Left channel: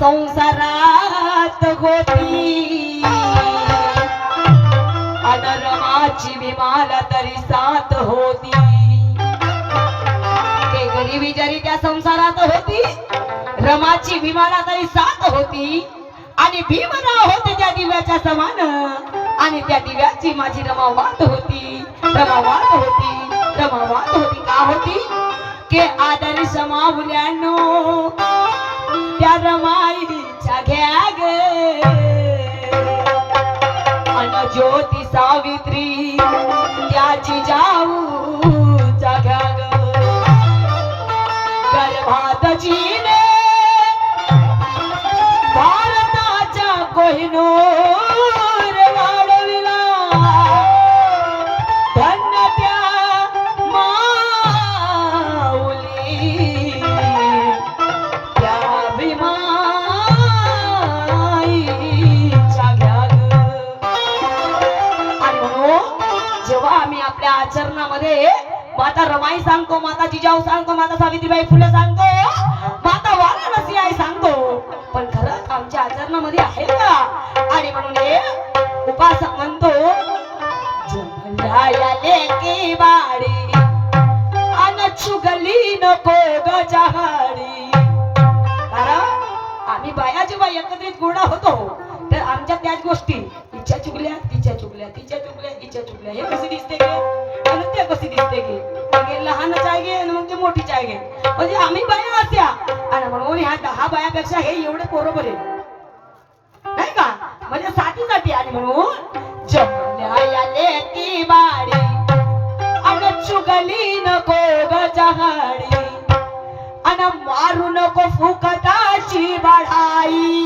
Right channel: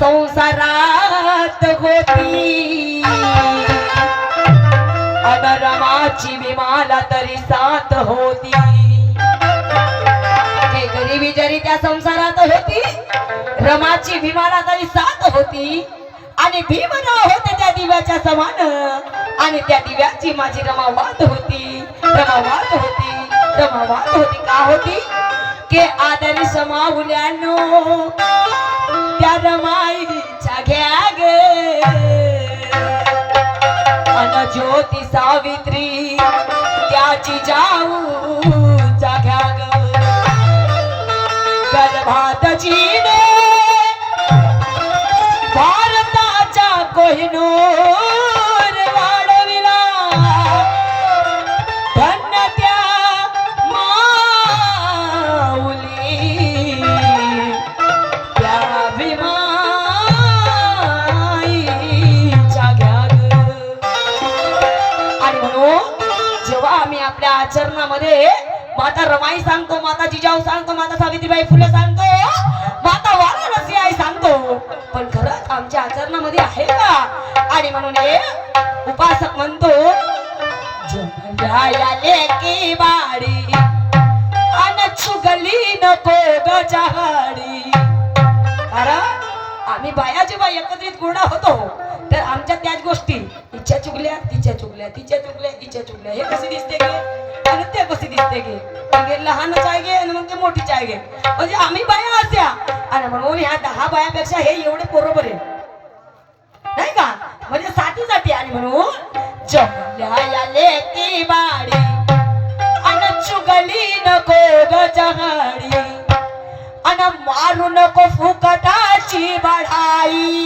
संसारात होती. अनरमाची विमाला तरी साथ होती. ते गरिबी जरी त्या संसारात होती रमाची विमाला तरी साथ होती. आणि भीमराव होते त्या दिव्याच्या समान. आणि त्या दिव्याची माझी रमा वात होती. रमा वात होती. रमा वात होती का होती? के आदरी समावल्यानो अन सावित्री सांगतो माता जिजाऊ सांगतो माता सावित्रीबाई फुले सांगतो. माता वाराणसी आई सांगतो. पण खरंच आमच्या आचरणामध्ये आहे का? आणि म्हणून हे उपासक म्हणतो की बाडी अन चुगली नको गजाडी आम्ही बाया जेव्हा एकत्रित गोडा होतो तर आमच्या त्याच गोष्टी इच्छा चुकल्या तिच्या चुकल्या तिच्या चुकल्या तिच्या चुकल्या हे कसे दिसते गे? आणि ते कसे दिसते गे? लहान चाय घे आणि मग ते मोठी चाय घे. म्हणजे आम्ही बाया असत्या आणि म्हणून ह्या दहा बायापेक्षा हे एवढे बरोबर आहे. नाही का? म्हणजे साथी जाते आणि म्हणून जमल्या याले की बाडी. अन चुगली नको ग गजाडी आणि मारू नको फुकटाची बढाई